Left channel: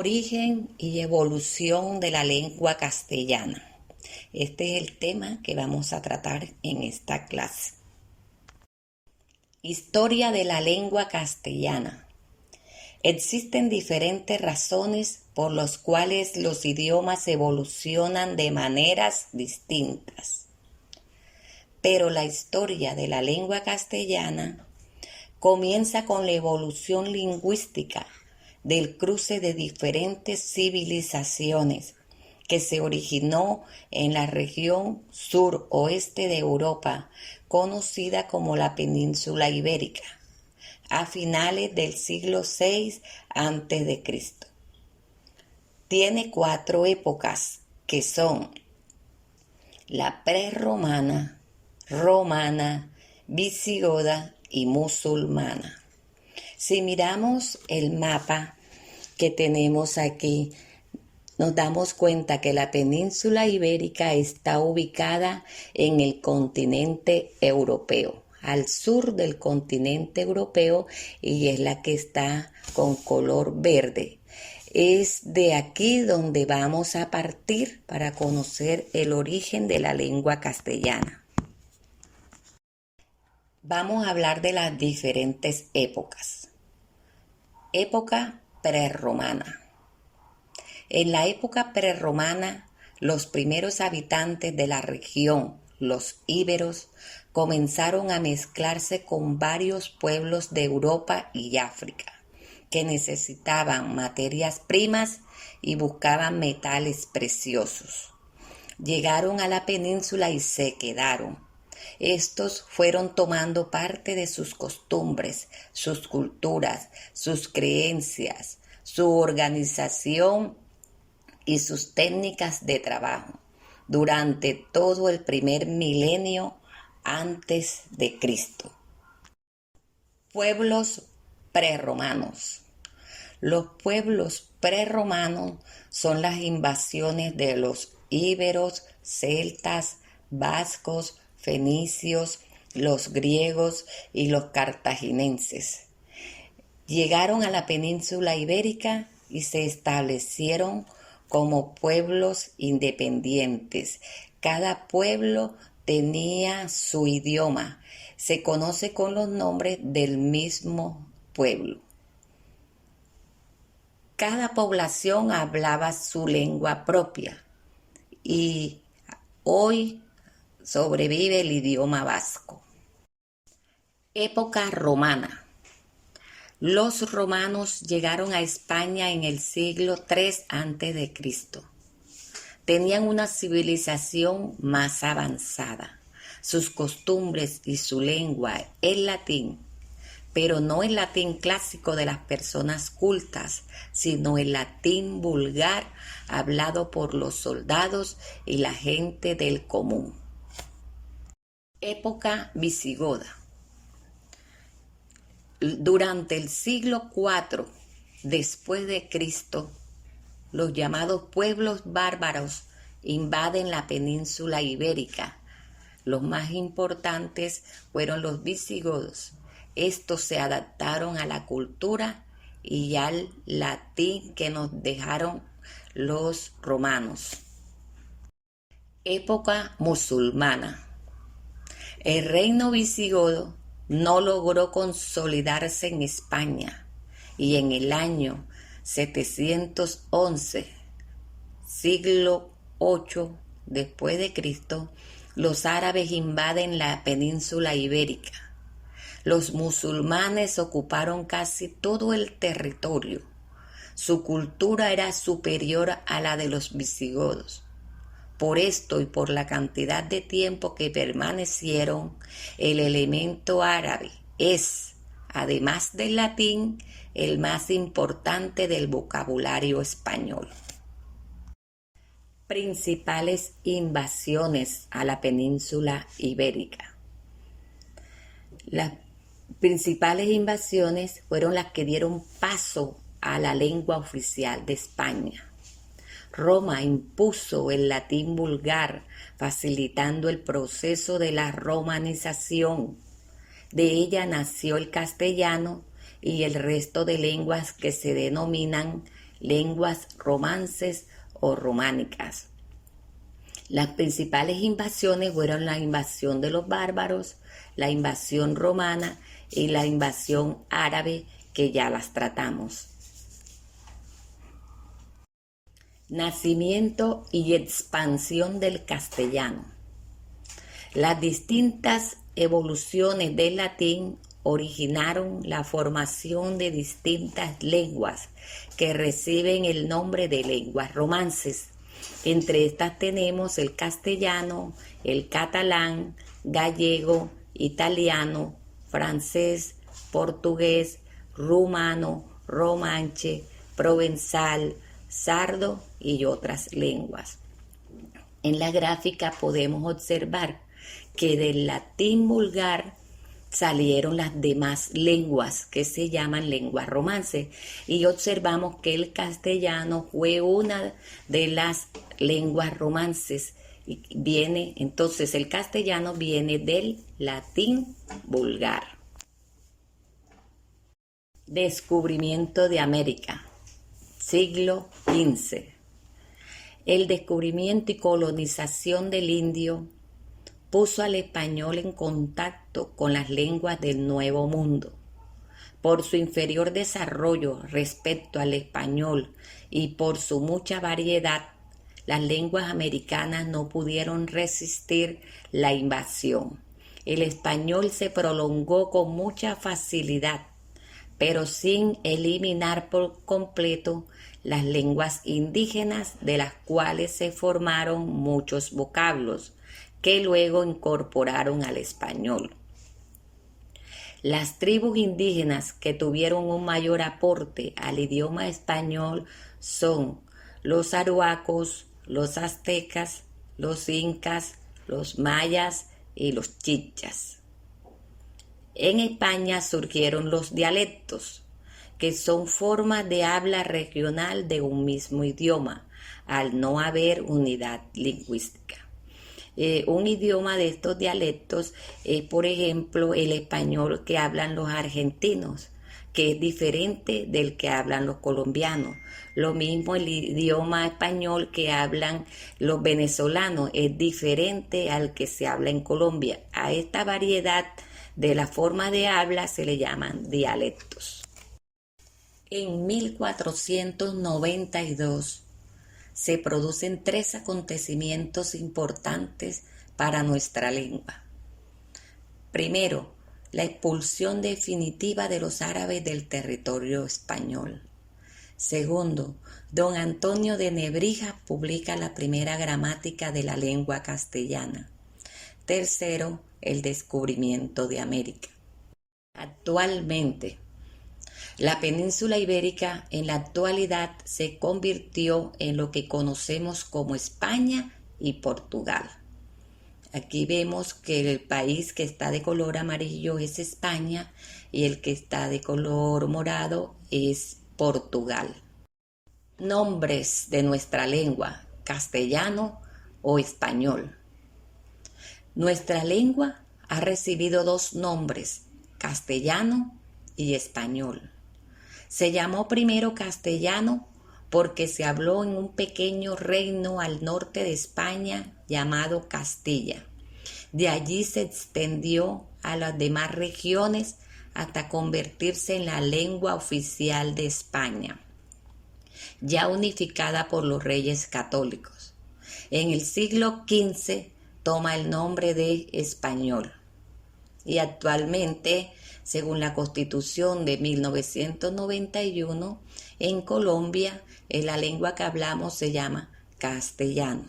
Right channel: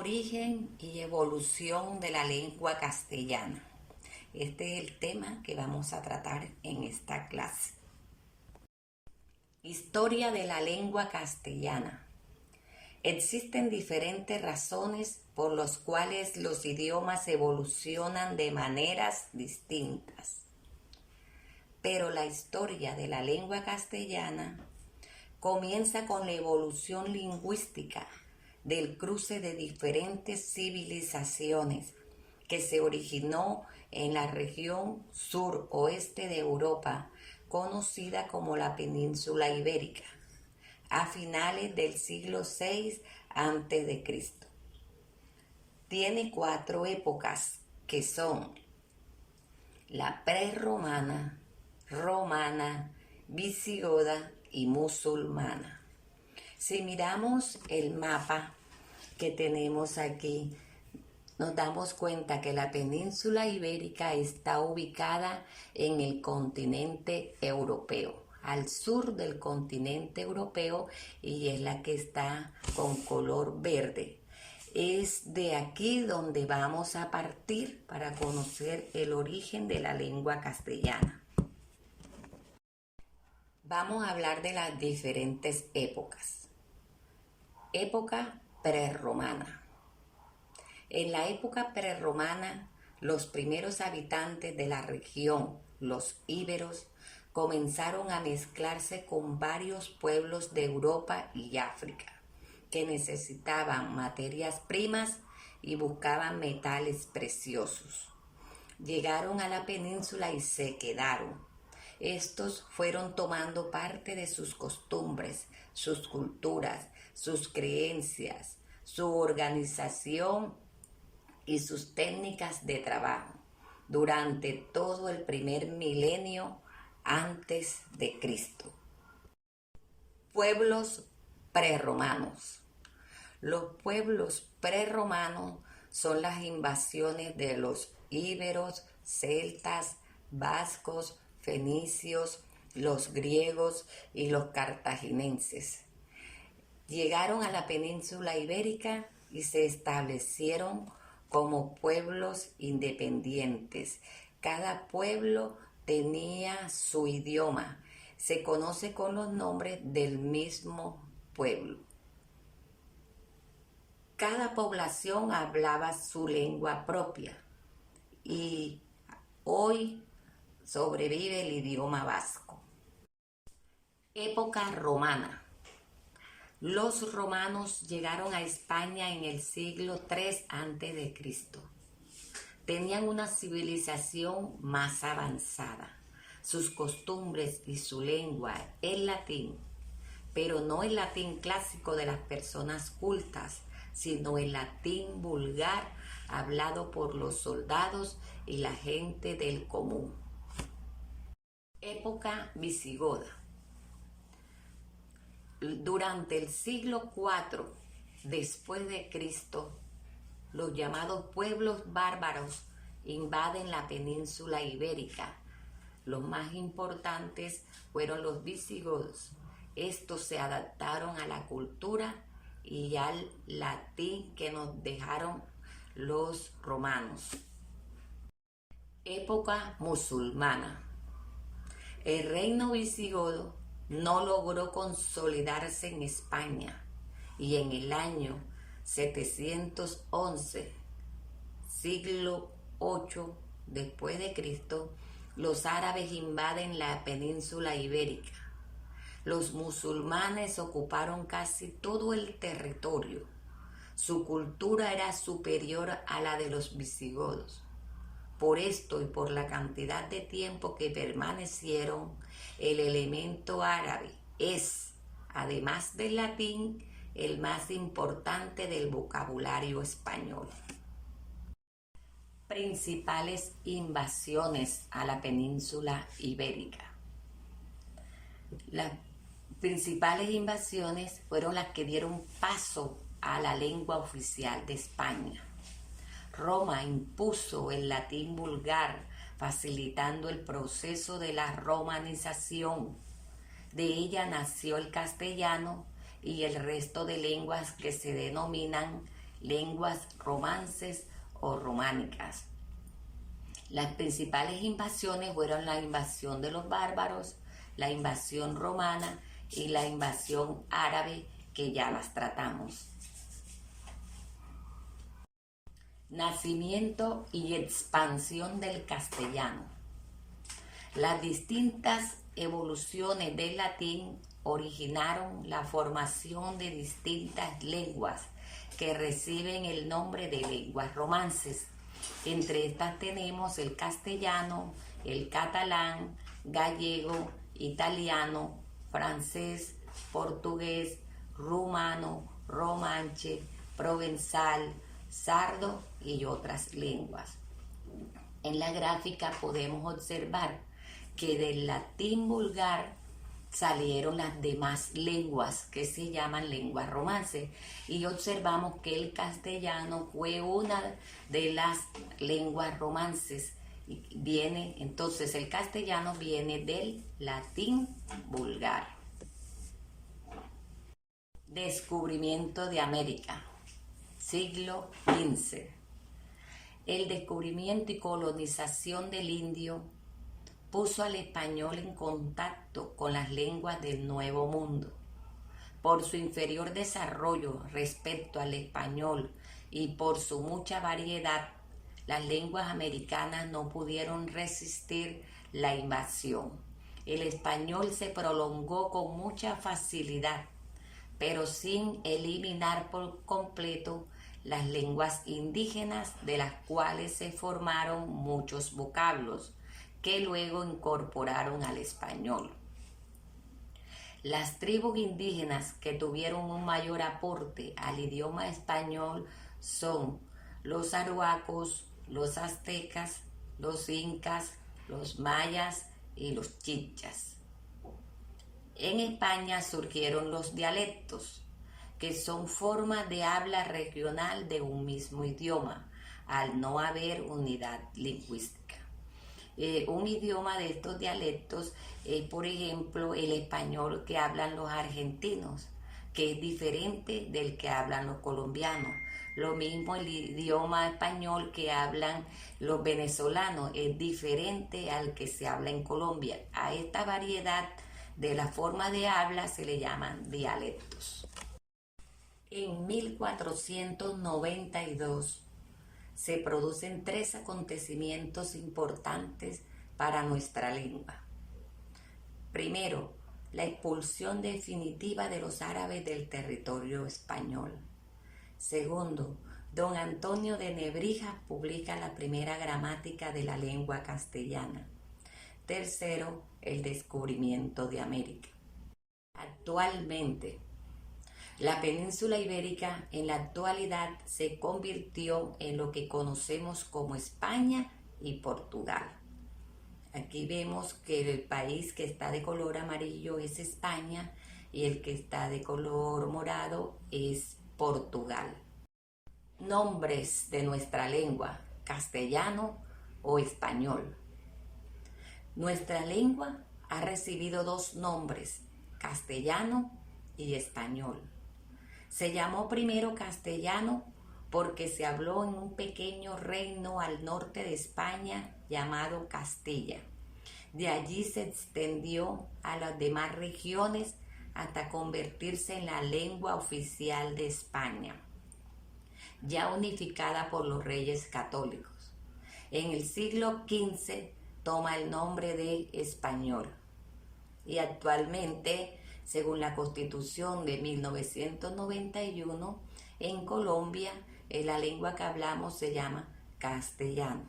Origen y evolución de la lengua castellana. Este es el tema que vamos a tratar en esta clase. Historia de la lengua castellana. Existen diferentes razones por las cuales los idiomas evolucionan de maneras distintas. Pero la historia de la lengua castellana comienza con la evolución lingüística del cruce de diferentes civilizaciones que se originó en la región suroeste de Europa, conocida como la península ibérica, a finales del siglo VI a.C. Tiene 4 épocas que son la prerromana, romana, visigoda y musulmana. Si miramos el mapa que tenemos aquí, nos damos cuenta que la península ibérica está ubicada en el continente europeo, al sur del continente europeo, y es la que está con color verde. Es de aquí donde vamos a partir para conocer el origen de la lengua castellana. Vamos a hablar de las diferentes épocas. Época prerromana. En la época prerromana, los primeros habitantes de la región, los íberos, comenzaron a mezclarse con varios pueblos de Europa y África, que necesitaban materias primas y buscaban metales preciosos. Llegaron a la península y se quedaron. Estos fueron tomando parte de sus costumbres, sus culturas, sus creencias, su organización y sus técnicas de trabajo durante todo el primer milenio antes de Cristo. Pueblos prerromanos. Los pueblos prerromanos son las invasiones de los íberos, celtas, vascos, fenicios, los griegos y los cartagineses. Llegaron a la península ibérica y se establecieron como pueblos independientes. Cada pueblo tenía su idioma. Se conoce con los nombres del mismo pueblo. Cada población hablaba su lengua propia y hoy sobrevive el idioma vasco. Época romana. Los romanos llegaron a España en el siglo III a.C. Tenían una civilización más avanzada. Sus costumbres y su lengua, el latín, pero no el latín clásico de las personas cultas, sino el latín vulgar hablado por los soldados y la gente del común. Época visigoda. Durante el siglo IV después de Cristo, los llamados pueblos bárbaros invaden la península ibérica. Los más importantes fueron los visigodos. Estos se adaptaron a la cultura y al latín que nos dejaron los romanos. Época musulmana. El reino visigodo no logró consolidarse en España y en el año 711, siglo VIII después de Cristo, los árabes invaden la península ibérica. Los musulmanes ocuparon casi todo el territorio. Su cultura era superior a la de los visigodos. Por esto y por la cantidad de tiempo que permanecieron, el elemento árabe es, además del latín, el más importante del vocabulario español. Principales invasiones a la península ibérica. Las principales invasiones fueron las que dieron paso a la lengua oficial de España. Roma impuso el latín vulgar, facilitando el proceso de la romanización. De ella nació el castellano y el resto de lenguas que se denominan lenguas romances o románicas. Las principales invasiones fueron la invasión de los bárbaros, la invasión romana y la invasión árabe, que ya las tratamos. Nacimiento y expansión del castellano. Las distintas evoluciones del latín originaron la formación de distintas lenguas que reciben el nombre de lenguas romances. Entre estas tenemos el castellano, el catalán, gallego, italiano, francés, portugués, rumano, romanche, provenzal, sardo y otras lenguas. En la gráfica podemos observar que del latín vulgar salieron las demás lenguas que se llaman lenguas romances, y observamos que el castellano fue una de las lenguas romances. Entonces el castellano viene del latín vulgar. Descubrimiento de América, siglo XV. El descubrimiento y colonización del indio puso al español en contacto con las lenguas del Nuevo Mundo. Por su inferior desarrollo respecto al español y por su mucha variedad, las lenguas americanas no pudieron resistir la invasión. El español se prolongó con mucha facilidad, pero sin eliminar por completo las lenguas indígenas, de las cuales se formaron muchos vocablos que luego incorporaron al español. Las tribus indígenas que tuvieron un mayor aporte al idioma español son los arhuacos, los aztecas, los incas, los mayas y los chichas. En España surgieron los dialectos, que son formas de habla regional de un mismo idioma, al no haber unidad lingüística. Un idioma de estos dialectos es, por ejemplo, el español que hablan los argentinos, que es diferente del que hablan los colombianos. Lo mismo el idioma español que hablan los venezolanos es diferente al que se habla en Colombia. A esta variedad de la forma de habla se le llaman dialectos. En 1492 se producen 3 acontecimientos importantes para nuestra lengua. Primero, la expulsión definitiva de los árabes del territorio español. Segundo, don Antonio de Nebrija publica la primera gramática de la lengua castellana. Tercero, el descubrimiento de América. Actualmente, la península ibérica en la actualidad se convirtió en lo que conocemos como España y Portugal. Aquí vemos que el país que está de color amarillo es España y el que está de color morado es Portugal. Nombres de nuestra lengua, castellano o español. Nuestra lengua ha recibido 2 nombres, castellano y español. Se llamó primero castellano porque se habló en un pequeño reino al norte de España llamado Castilla. De allí se extendió a las demás regiones hasta convertirse en la lengua oficial de España, ya unificada por los reyes católicos. En el siglo XV toma el nombre de español y actualmente, según la Constitución de 1991, en Colombia, la lengua que hablamos se llama castellano.